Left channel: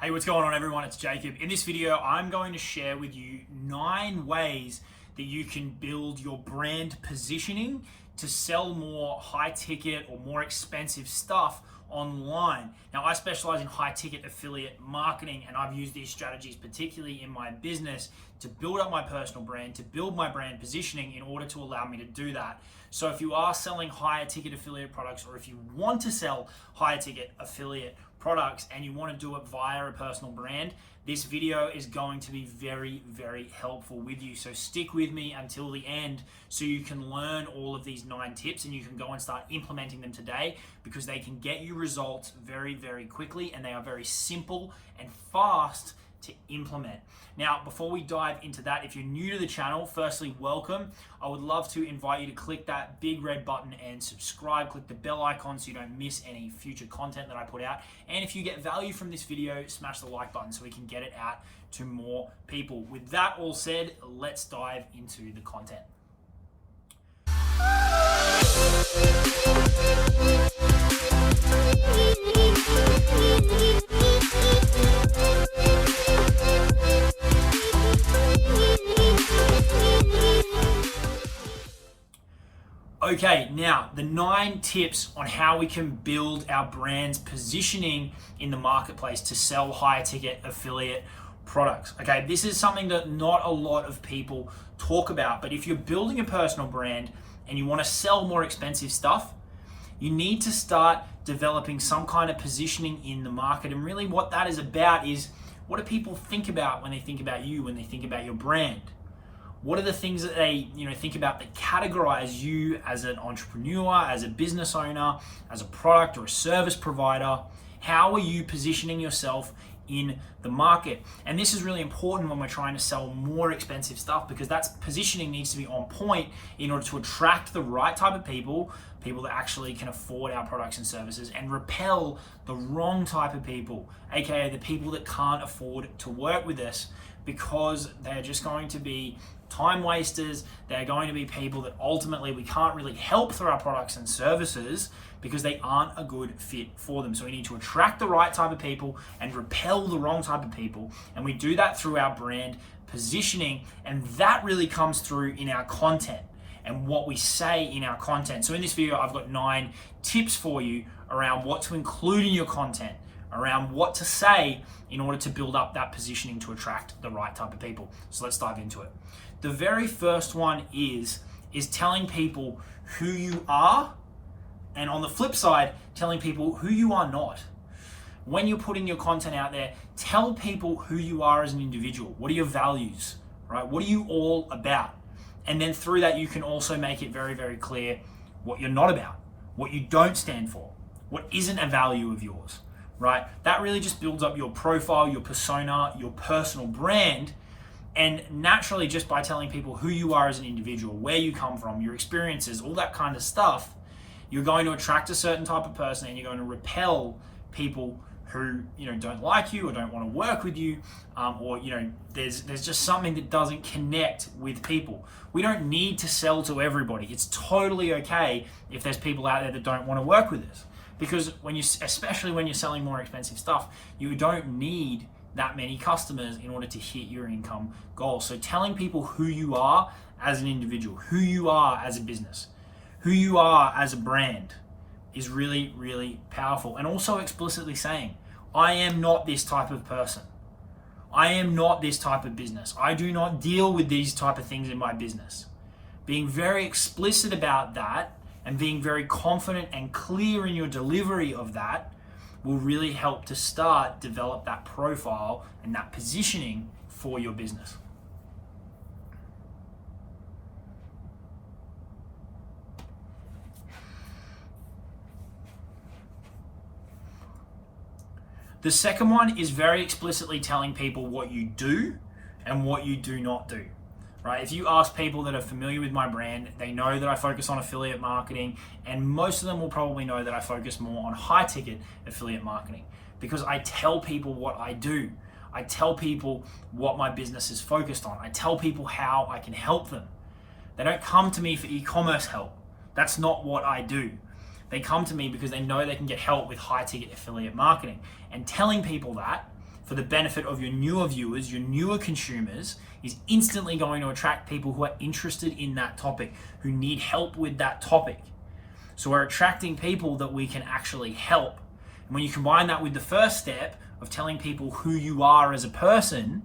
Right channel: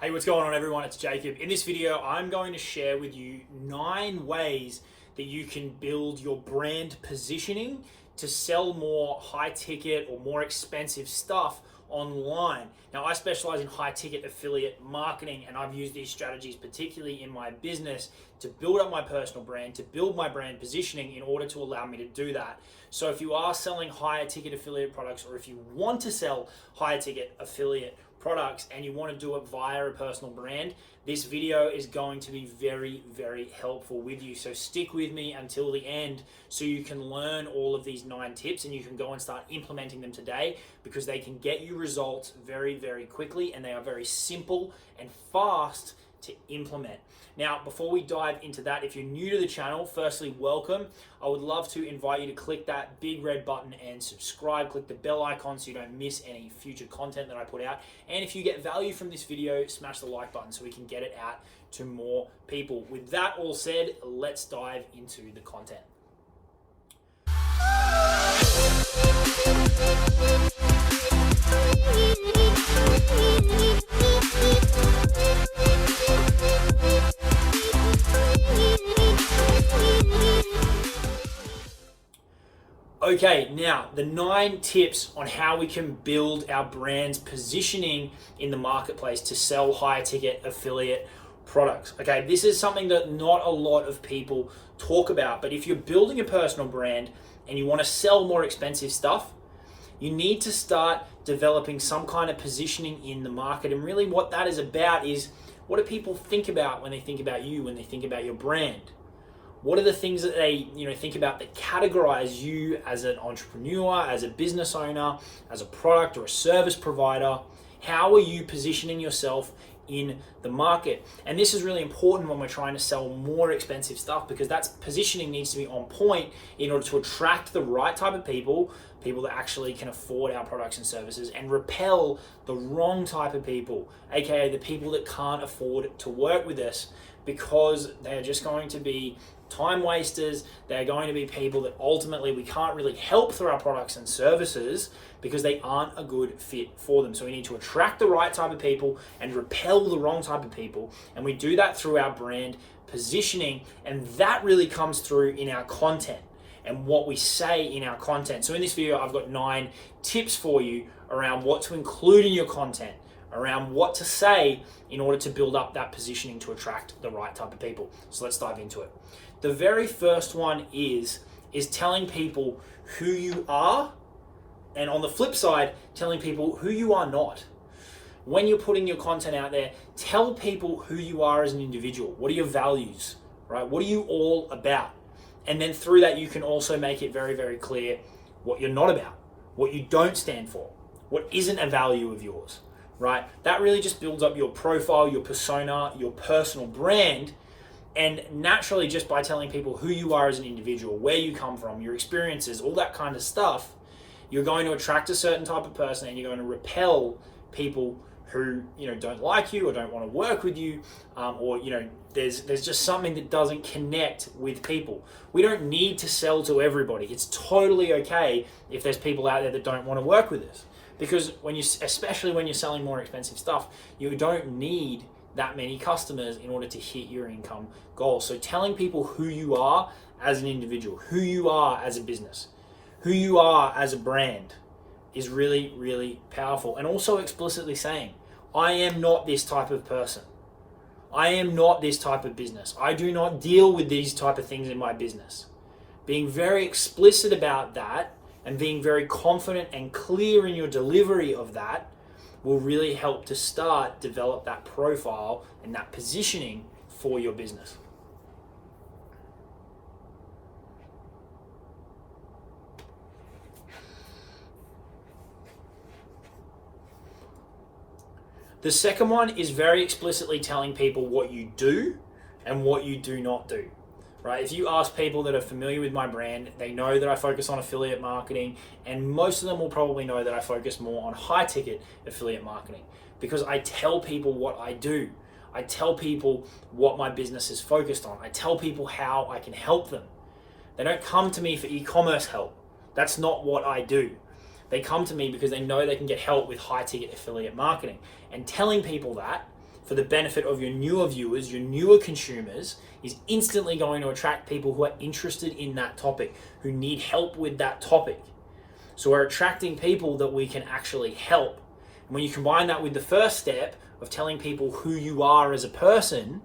Hey, what's going on everyone? It's Jacob. In this video, I'm going to share with you 9 ways that you can build your brand positioning to sell more high ticket or more expensive stuff online. Now, I specialize in high ticket affiliate marketing, and I've used these strategies particularly in my business to build up my personal brand, to build my brand positioning in order to allow me to do that. So if you are selling higher ticket affiliate products, or if you want to sell higher ticket affiliate products and you want to do it via a personal brand, this video is going to be very, very helpful with you. So stick with me until the end so you can learn all of these 9 tips and you can go and start implementing them today, because they can get you results very, very quickly, and they are very simple and fast to implement. Now, before we dive into that, if you're new to the channel, firstly, welcome. I would love to invite you to click that big red button and subscribe. Click the bell icon so you don't miss any future content that I put out. And if you get value from this video, smash the like button so we can get it out to more people. With that all said, let's dive into the content. Okay, now the 9 tips on how we can build our brand's positioning in the marketplace to sell higher ticket affiliate products. Okay, this is something that not a lot of people talk about, but if you're building a personal brand and you want to sell more expensive stuff, you need to start developing some kind of positioning in the market. And really what that is about is, what do people think about when they think about you, when they think about your brand? What are the things that they think about that categorize you as an entrepreneur, as a business owner, as a product or a service provider? How are you positioning yourself in the market? And this is really important when we're trying to sell more expensive stuff, because that positioning needs to be on point in order to attract the right type of people that actually can afford our products and services, and repel the wrong type of people, aka the people that can't afford to work with us, because they're just going to be time wasters. They're going to be people that ultimately we can't really help through our products and services because they aren't a good fit for them. So we need to attract the right type of people and repel the wrong type of people. And we do that through our brand positioning. And that really comes through in our content and what we say in our content. So in this video, I've got 9 tips for you around what to include in your content, around what to say in order to build up that positioning to attract the right type of people. So let's dive into it. The very first one is telling people who you are, and on the flip side, telling people who you are not. When you're putting your content out there, tell people who you are as an individual. What are your values, right? What are you all about? And then through that, you can also make it very, very clear what you're not about, what you don't stand for, what isn't a value of yours, right? That really just builds up your profile, your persona, your personal brand. And naturally, just by telling people who you are as an individual, where you come from, your experiences, all that kind of stuff, you're going to attract a certain type of person, and you're going to repel people who don't like you or don't want to work with you, or there's just something that doesn't connect with people. We don't need to sell to everybody. It's totally okay if there's people out there that don't want to work with us, because especially when you're selling more expensive stuff, you don't need that many customers in order to hit your income goals. So telling people who you are as an individual, who you are as a business, who you are as a brand is really, really powerful. And also explicitly saying, I am not this type of person. I am not this type of business. I do not deal with these type of things in my business. Being very explicit about that and being very confident and clear in your delivery of that will really help to start develop that profile and that positioning for your business. The second one is very explicitly telling people what you do and what you do not do. Right? If you ask people that are familiar with my brand, they know that I focus on affiliate marketing, and most of them will probably know that I focus more on high ticket affiliate marketing, because I tell people what I do. I tell people what my business is focused on. I tell people how I can help them. They don't come to me for e-commerce help. That's not what I do. They come to me because they know they can get help with high ticket affiliate marketing. And telling people that for the benefit of your newer viewers, your newer consumers, is instantly going to attract people who are interested in that topic, who need help with that topic. So we're attracting people that we can actually help. And when you combine that with the first step of telling people who you are as a person,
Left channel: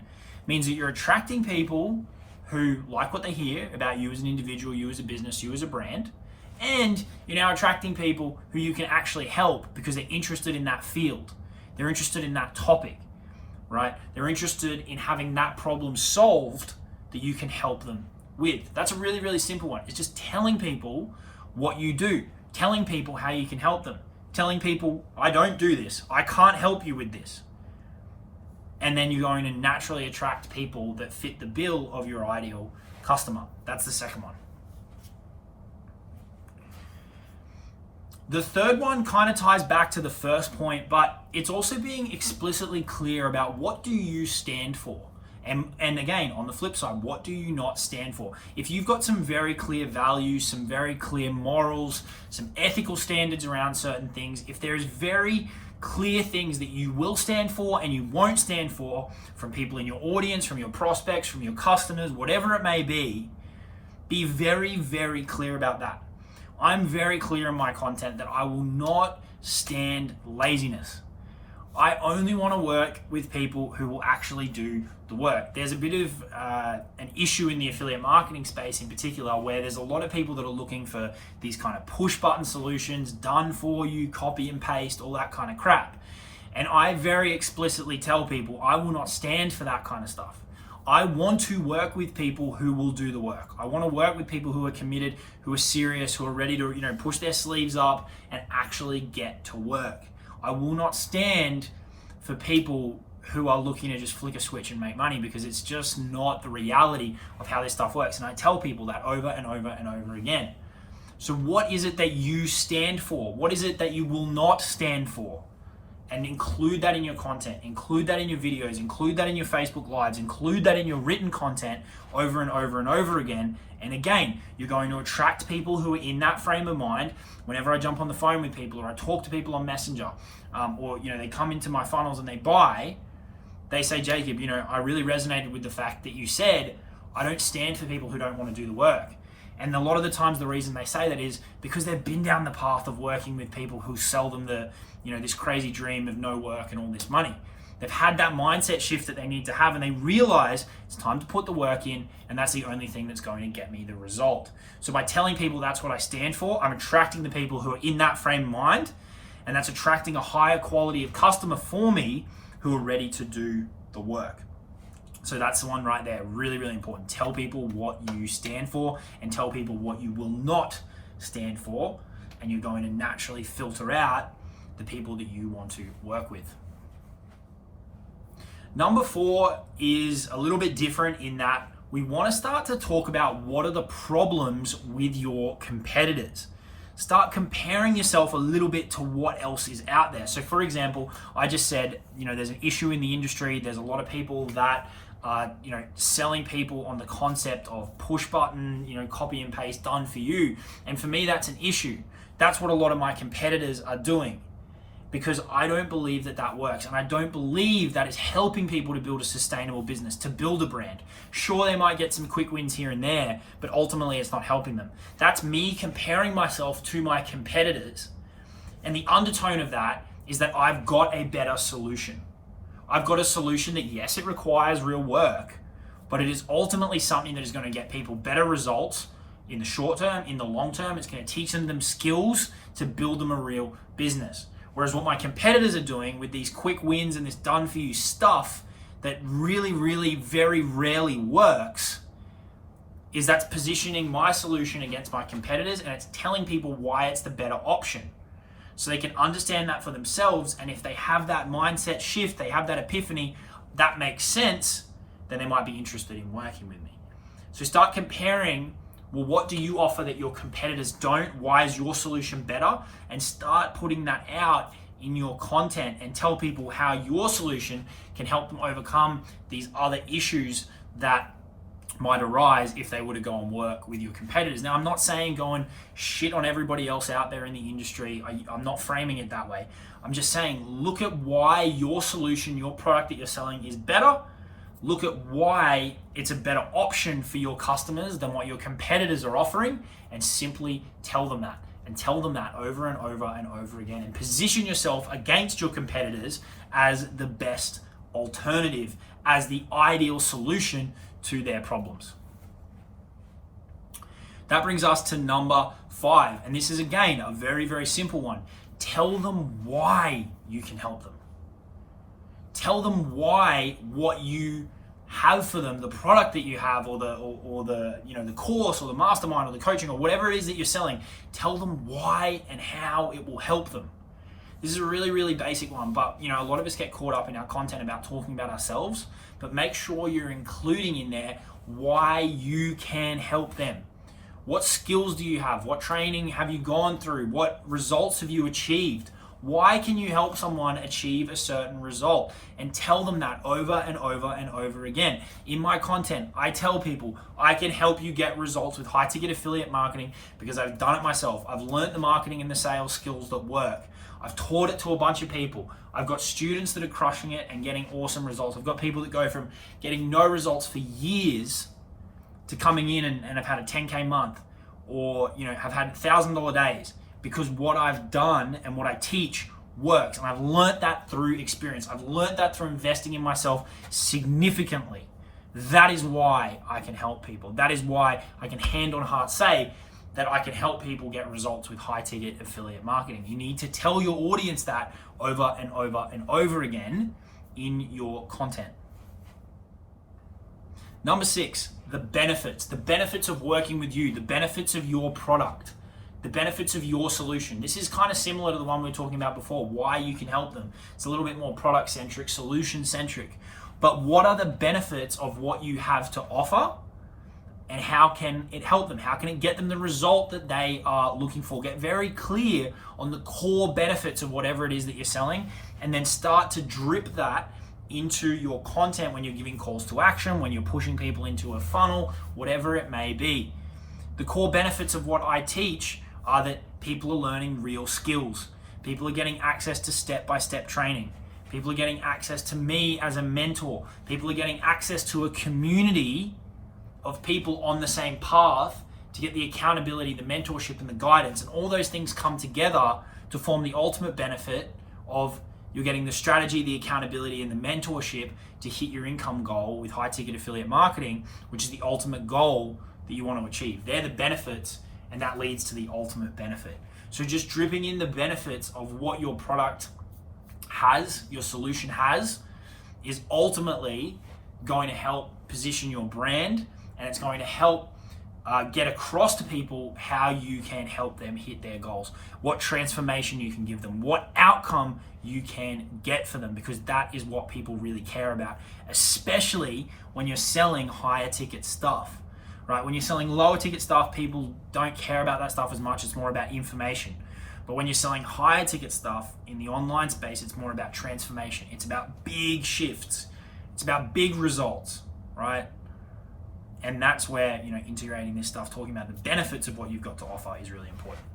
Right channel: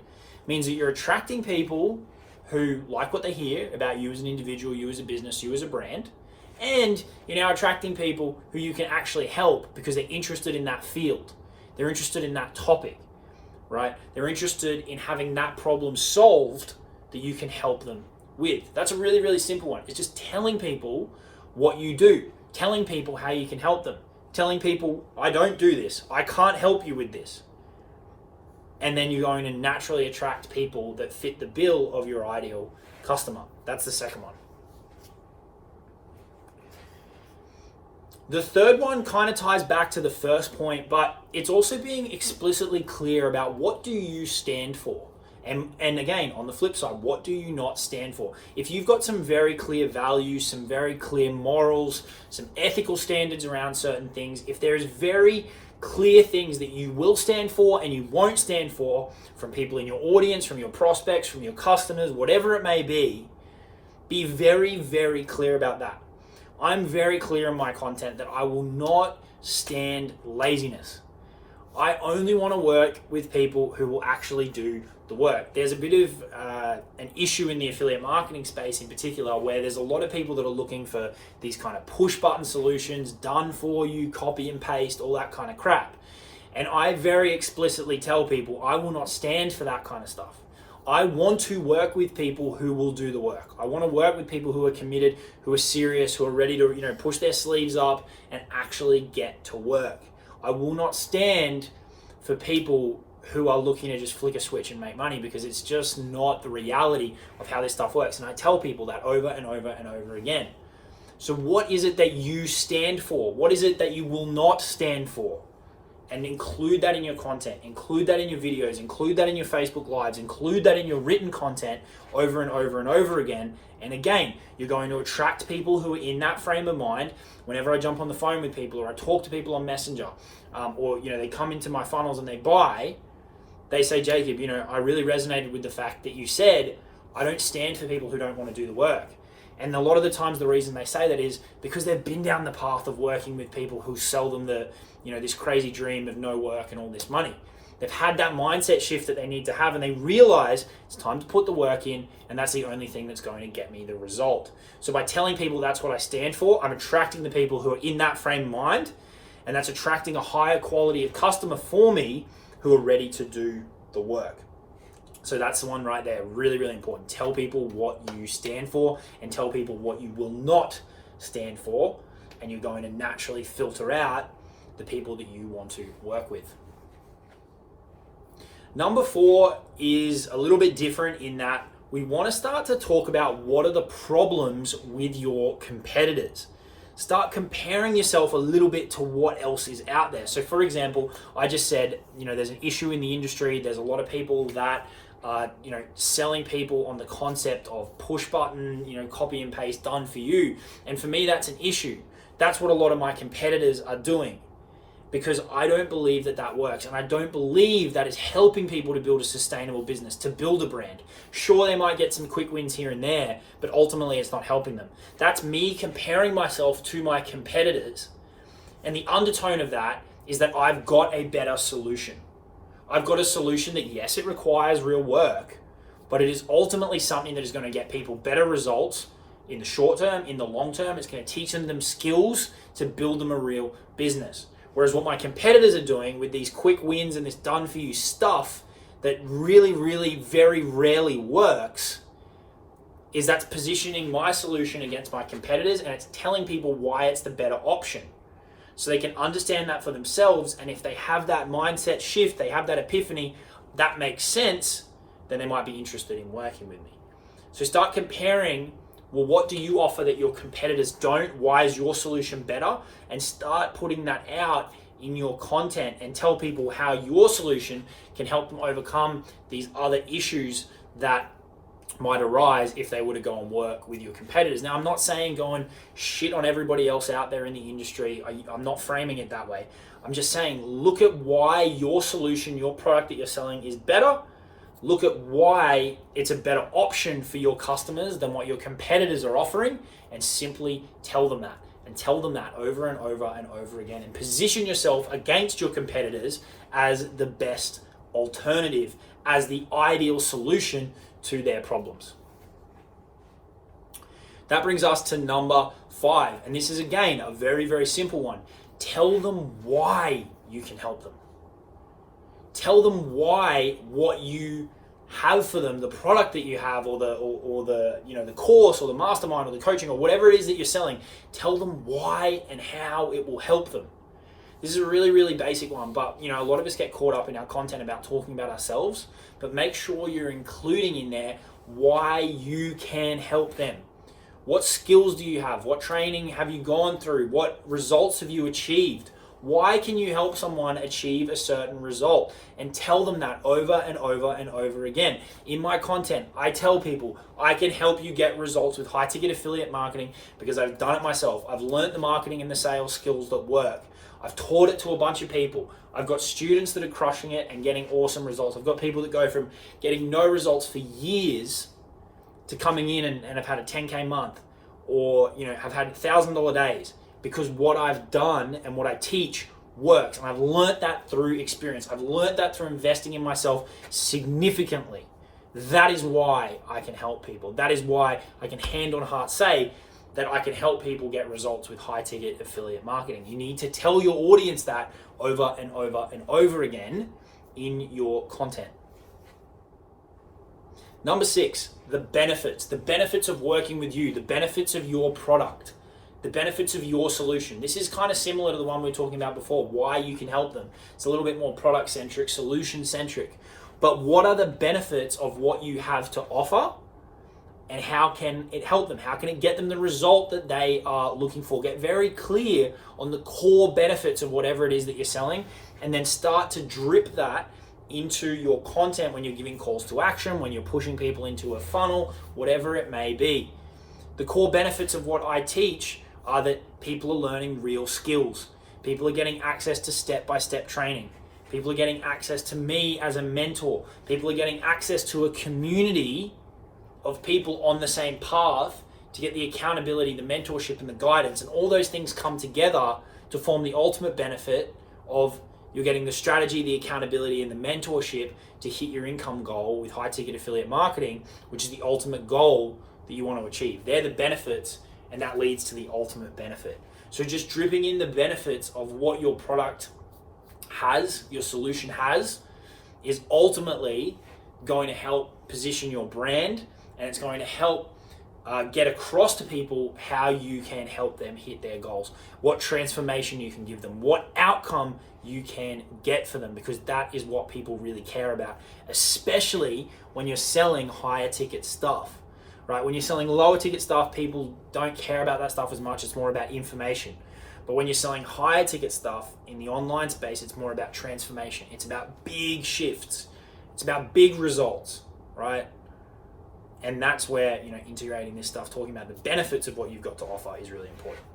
means that you're attracting people who like what they hear about you as an individual, you as a business, you as a brand, and you're now attracting people who you can actually help because they're interested in that field. They're interested in that topic, right? They're interested in having that problem solved that you can help them with. That's a really, really simple one. It's just telling people what you do, telling people how you can help them, telling people, I don't do this, I can't help you with this. And then you're going to naturally attract people that fit the bill of your ideal customer. That's the second one. The third one kind of ties back to the first point, but it's also being explicitly clear about what do you stand for. And again, on the flip side, what do you not stand for? If you've got some very clear values, some very clear morals, some ethical standards around certain things, if there's very clear things that you will stand for and you won't stand for from people in your audience, from your prospects, from your customers, whatever it may be very, very clear about that. I'm very clear in my content that I will not stand laziness. I only want to work with people who will actually do the work. There's a bit of an issue in the affiliate marketing space in particular where there's a lot of people that are looking for these kind of push button solutions, done for you, copy and paste, all that kind of crap. And I very explicitly tell people I will not stand for that kind of stuff. I want to work with people who will do the work. I want to work with people who are committed, who are serious, who are ready to, push their sleeves up and actually get to work. I will not stand for people who are looking to just flick a switch and make money, because it's just not the reality of how this stuff works. And I tell people that over and over and over again. So what is it that you stand for? What is it that you will not stand for? And include that in your content, include that in your videos, include that in your Facebook Lives, include that in your written content over and over and over again. And again, you're going to attract people who are in that frame of mind. Whenever I jump on the phone with people or I talk to people on Messenger, or they come into my funnels and they buy, they say, Jacob, I really resonated with the fact that you said, I don't stand for people who don't want to do the work. And a lot of the times the reason they say that is because they've been down the path of working with people who sell them this crazy dream of no work and all this money. They've had that mindset shift that they need to have, and they realize it's time to put the work in, and that's the only thing that's going to get me the result. So by telling people that's what I stand for, I'm attracting the people who are in that frame of mind, and that's attracting a higher quality of customer for me who are ready to do the work. So that's the one right there, really, really important. Tell people what you stand for and tell people what you will not stand for, and you're going to naturally filter out the people that you want to work with. Number 4 is a little bit different in that we want to start to talk about what are the problems with your competitors. Start comparing yourself a little bit to what else is out there. So for example, I just said, there's an issue in the industry. There's a lot of people that are, selling people on the concept of push button, copy and paste done for you. And for me, that's an issue. That's what a lot of my competitors are doing, because I don't believe that works. And I don't believe that is helping people to build a sustainable business, to build a brand. Sure, they might get some quick wins here and there, but ultimately it's not helping them. That's me comparing myself to my competitors. And the undertone of that is that I've got a better solution. I've got a solution that, yes, it requires real work, but it is ultimately something that is going to get people better results in the short term, in the long term. It's going to teach them skills to build them a real business. Whereas what my competitors are doing with these quick wins and this done for you stuff that really, really very rarely works is that's positioning my solution against my competitors, and it's telling people why it's the better option. So they can understand that for themselves, and if they have that mindset shift, they have that epiphany, that makes sense, then they might be interested in working with me. So start comparing, well, what do you offer that your competitors don't? Why is your solution better? And start putting that out in your content and tell people how your solution can help them overcome these other issues that might arise if they were to go and work with your competitors. Now, I'm not saying go and shit on everybody else out there in the industry. I'm not framing it that way. I'm just saying, look at why your solution, your product that you're selling is better. Look at why it's a better option for your customers than what your competitors are offering, and simply tell them that. And tell them that over and over and over again, and position yourself against your competitors as the best alternative, as the ideal solution to their problems. That brings us to number 5, and this is again a very, very simple one. Tell them why you can help them. Tell them why what you have for them, the product that you have, or the the course or the mastermind or the coaching or whatever it is that you're selling. Tell them why and how it will help them. This is a really, really basic one, but a lot of us get caught up in our content about talking about ourselves, but make sure you're including in there why you can help them. What skills do you have? What training have you gone through? What results have you achieved? Why can you help someone achieve a certain result? And tell them that over and over and over again. In my content, I tell people I can help you get results with high ticket affiliate marketing because I've done it myself. I've learned the marketing and the sales skills that work. I've taught it to a bunch of people. I've got students that are crushing it and getting awesome results. I've got people that go from getting no results for years to coming in and have had a 10K month, or have had $1,000 days, because what I've done and what I teach works. And I've learned that through experience. I've learned that through investing in myself significantly. That is why I can help people. That is why I can hand on heart say that I can help people get results with high ticket affiliate marketing. You need to tell your audience that over and over and over again in your content. Number 6, the benefits of working with you, the benefits of your product, the benefits of your solution. This is kind of similar to the one we were talking about before, why you can help them. It's a little bit more product centric, solution centric. But what are the benefits of what you have to offer, and how can it help them? How can it get them the result that they are looking for? Get very clear on the core benefits of whatever it is that you're selling, and then start to drip that into your content when you're giving calls to action, when you're pushing people into a funnel, whatever it may be. The core benefits of what I teach are that people are learning real skills. People are getting access to step-by-step training. People are getting access to me as a mentor. People are getting access to a community of people on the same path to get the accountability, the mentorship, and the guidance. And all those things come together to form the ultimate benefit of you're getting the strategy, the accountability, and the mentorship to hit your income goal with high ticket affiliate marketing, which is the ultimate goal that you want to achieve. They're the benefits, and that leads to the ultimate benefit. So just dripping in the benefits of what your product has, your solution has, is ultimately going to help position your brand, and it's going to help get across to people how you can help them hit their goals, what transformation you can give them, what outcome you can get for them, because that is what people really care about, especially when you're selling higher ticket stuff, right? When you're selling lower ticket stuff, people don't care about that stuff as much. It's more about information. But when you're selling higher ticket stuff in the online space, it's more about transformation. It's about big shifts. It's about big results, right? And that's where, integrating this stuff, talking about the benefits of what you've got to offer is really important.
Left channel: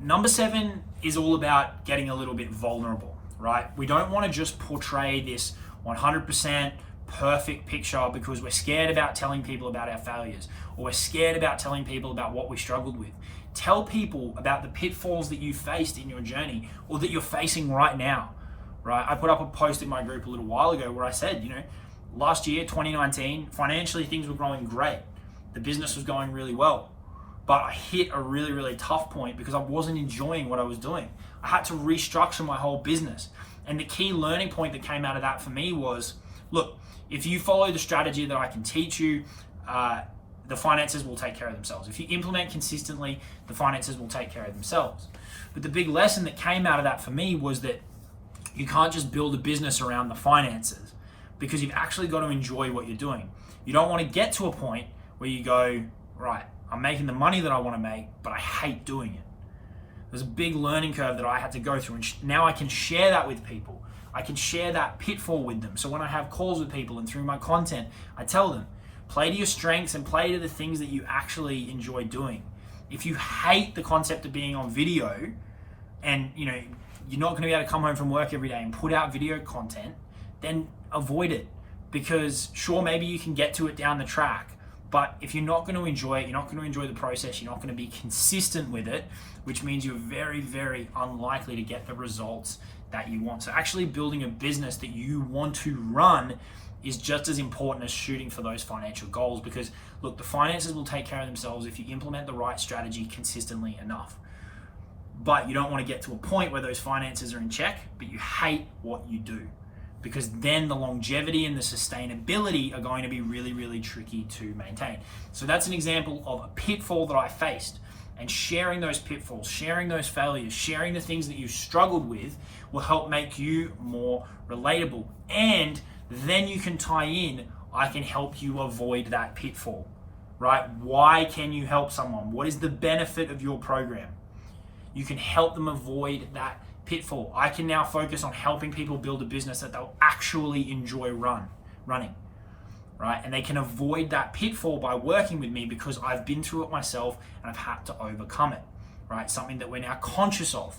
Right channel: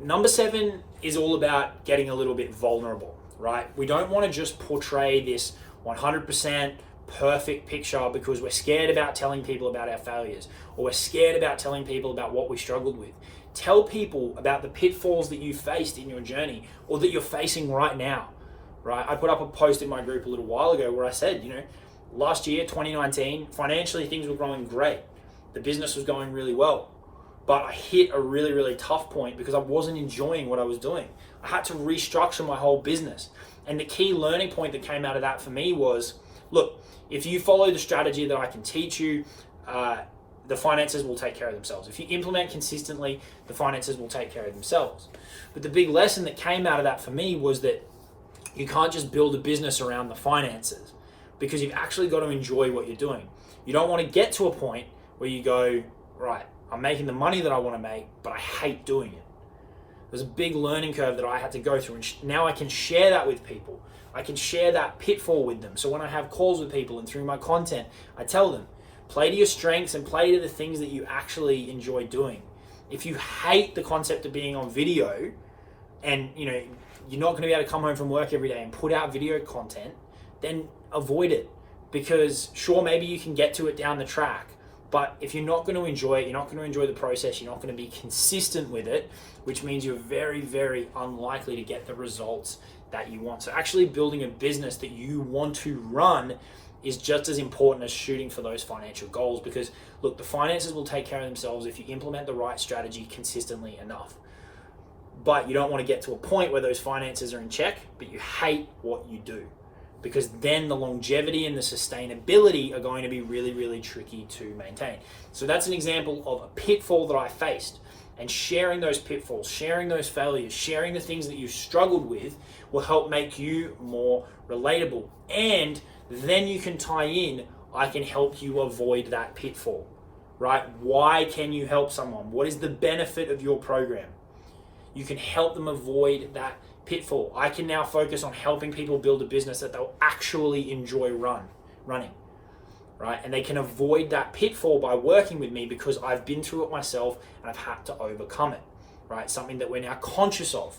Number 7 is all about getting a little bit vulnerable, right? We don't want to just portray this 100% perfect picture because we're scared about telling people about our failures, or we're scared about telling people about what we struggled with. Tell people about the pitfalls that you faced in your journey, or that you're facing right now, right? I put up a post in my group a little while ago where I said, last year, 2019, financially things were growing great. The business was going really well. But I hit a really, really tough point because I wasn't enjoying what I was doing. I had to restructure my whole business. And the key learning point that came out of that for me was, look, if you follow the strategy that I can teach you, the finances will take care of themselves. If you implement consistently, the finances will take care of themselves. But the big lesson that came out of that for me was that you can't just build a business around the finances, because you've actually got to enjoy what you're doing. You don't want to get to a point where you go, right, I'm making the money that I want to make, but I hate doing it. There's a big learning curve that I had to go through, and now I can share that with people. I can share that pitfall with them. So when I have calls with people and through my content, I tell them, play to your strengths and play to the things that you actually enjoy doing. If you hate the concept of being on video and you're not going to be able to come home from work every day and put out video content, then avoid it. Because sure, maybe you can get to it down the track, but if you're not going to enjoy it, you're not going to enjoy the process, you're not going to be consistent with it, which means you're very, very unlikely to get the results that you want. So actually building a business that you want to run is just as important as shooting for those financial goals, because look, the finances will take care of themselves if you implement the right strategy consistently enough. But you don't want to get to a point where those finances are in check, but you hate what you do, because then the longevity and the sustainability are going to be really, really tricky to maintain. So that's an example of a pitfall that I faced. And sharing those pitfalls, sharing those failures, sharing the things that you struggled with will help make you more relatable. And then you can tie in, I can help you avoid that pitfall, right? Why can you help someone? What is the benefit of your program? You can help them avoid that pitfall. I can now focus on helping people build a business that they'll actually enjoy running, right? And they can avoid that pitfall by working with me because I've been through it myself and I've had to overcome it, right? Something that we're now conscious of,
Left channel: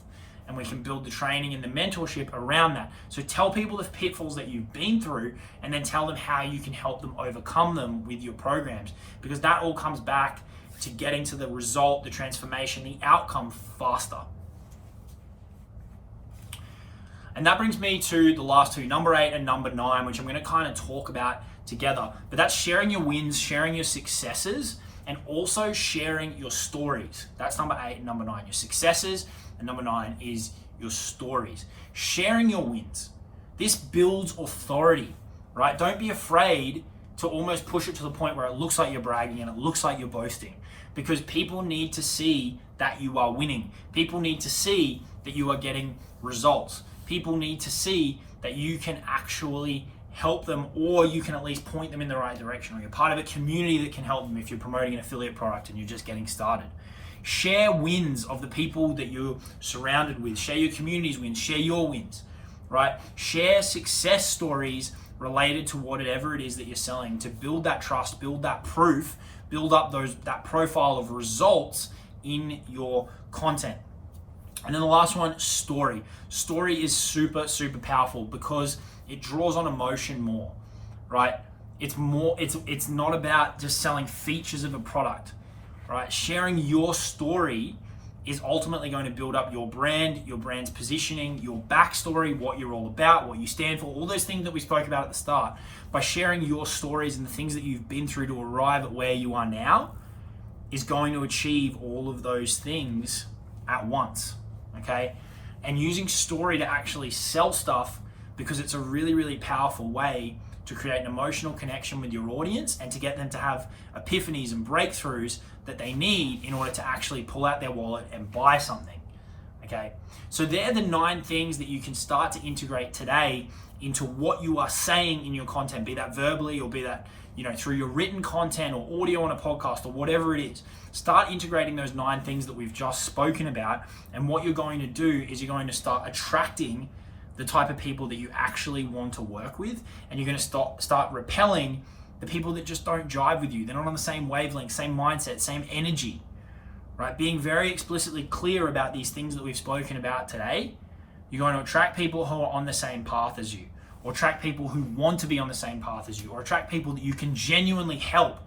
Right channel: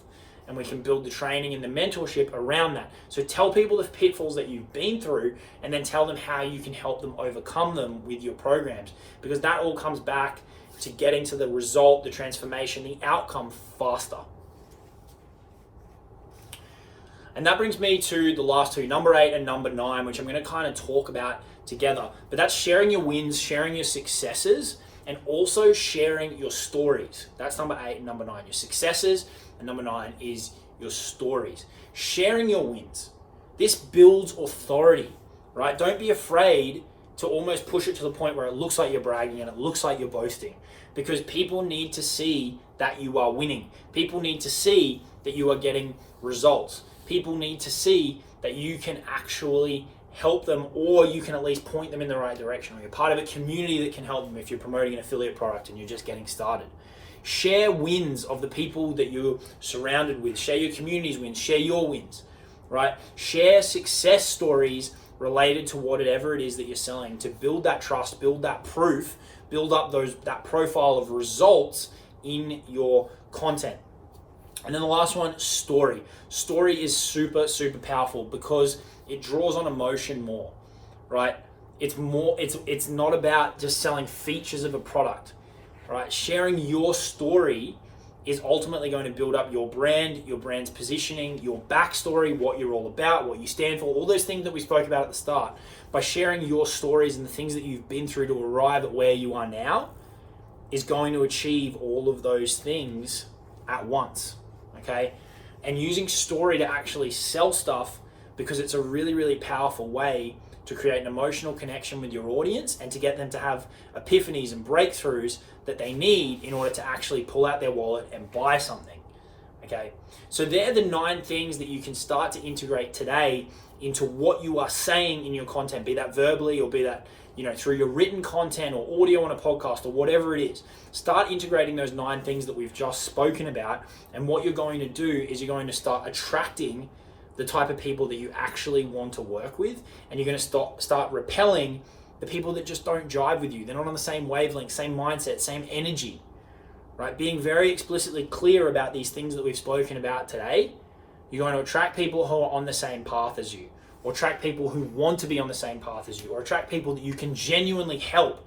and we can build the training and the mentorship around that. So tell people the pitfalls that you've been through and then tell them how you can help them overcome them with your programs, because that all comes back to getting to the result, the transformation, the outcome faster. And that brings me to the last two, number 8 and number 9, which I'm going to kind of talk about together. But that's sharing your wins, sharing your successes, and also sharing your stories. That's number 8 and number 9, your successes, and number 9 is your stories. Sharing your wins. This builds authority, right? Don't be afraid to almost push it to the point where it looks like you're bragging and it looks like you're boasting, because people need to see that you are winning. People need to see that you are getting results. People need to see that you can actually help them, or you can at least point them in the right direction, or you're part of a community that can help them if you're promoting an affiliate product and you're just getting started. Share wins of the people that you're surrounded with. Share your community's wins. Share your wins, right? Share success stories related to whatever it is that you're selling to build that trust, build that proof, build up that profile of results in your content. And then the last one, story. Story is super, super powerful because it draws on emotion more, right? It's not about just selling features of a product, right? Sharing your story is ultimately going to build up your brand, your brand's positioning, your backstory, what you're all about, what you stand for, all those things that we spoke about at the start. By sharing your stories and the things that you've been through to arrive at where you are now is going to achieve all of those things at once, okay? And using story to actually sell stuff, because it's a really, really powerful way to create an emotional connection with your audience and to get them to have epiphanies and breakthroughs that they need in order to actually pull out their wallet and buy something, okay? So they're the 9 things that you can start to integrate today into what you are saying in your content, be that verbally or be that through your written content or audio on a podcast or whatever it is. Start integrating those 9 things that we've just spoken about, and what you're going to do is you're going to start attracting the type of people that you actually want to work with, and you're going to start repelling the people that just don't jive with you. They're not on the same wavelength, same mindset, same energy, right? Being very explicitly clear about these things that we've spoken about today, you're going to attract people who are on the same path as you, or attract people who want to be on the same path as you, or attract people that you can genuinely help.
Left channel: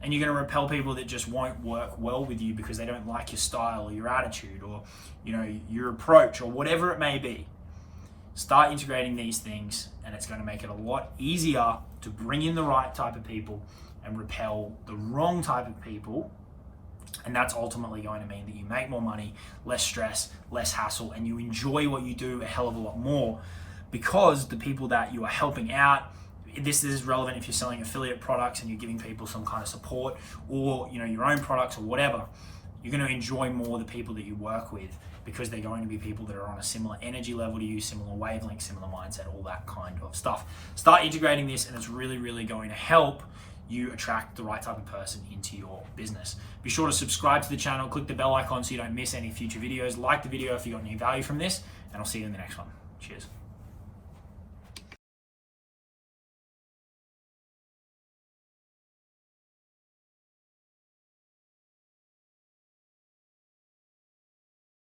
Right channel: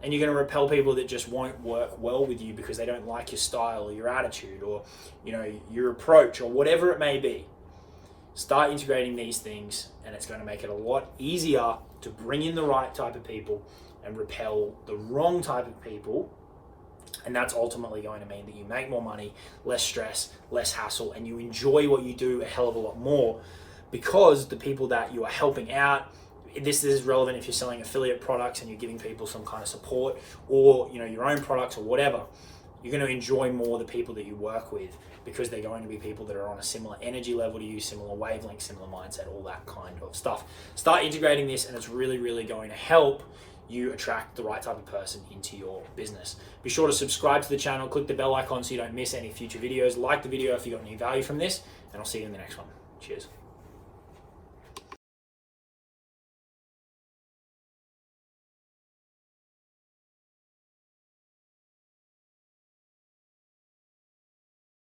And you're going to repel people that just won't work well with you because they don't like your style or your attitude or your approach or whatever it may be. Start integrating these things, and it's going to make it a lot easier to bring in the right type of people and repel the wrong type of people. And that's ultimately going to mean that you make more money, less stress, less hassle, and you enjoy what you do a hell of a lot more, because the people that you are helping out, this is relevant if you're selling affiliate products and you're giving people some kind of support, or your own products or whatever, you're going to enjoy more the people that you work with, because they're going to be people that are on a similar energy level to you, similar wavelength, similar mindset, all that kind of stuff. Start integrating this, and it's really, really going to help you attract the right type of person into your business. Be sure to subscribe to the channel, click the bell icon so you don't miss any future videos. Like the video if you got any value from this, and I'll see you in the next one. Cheers.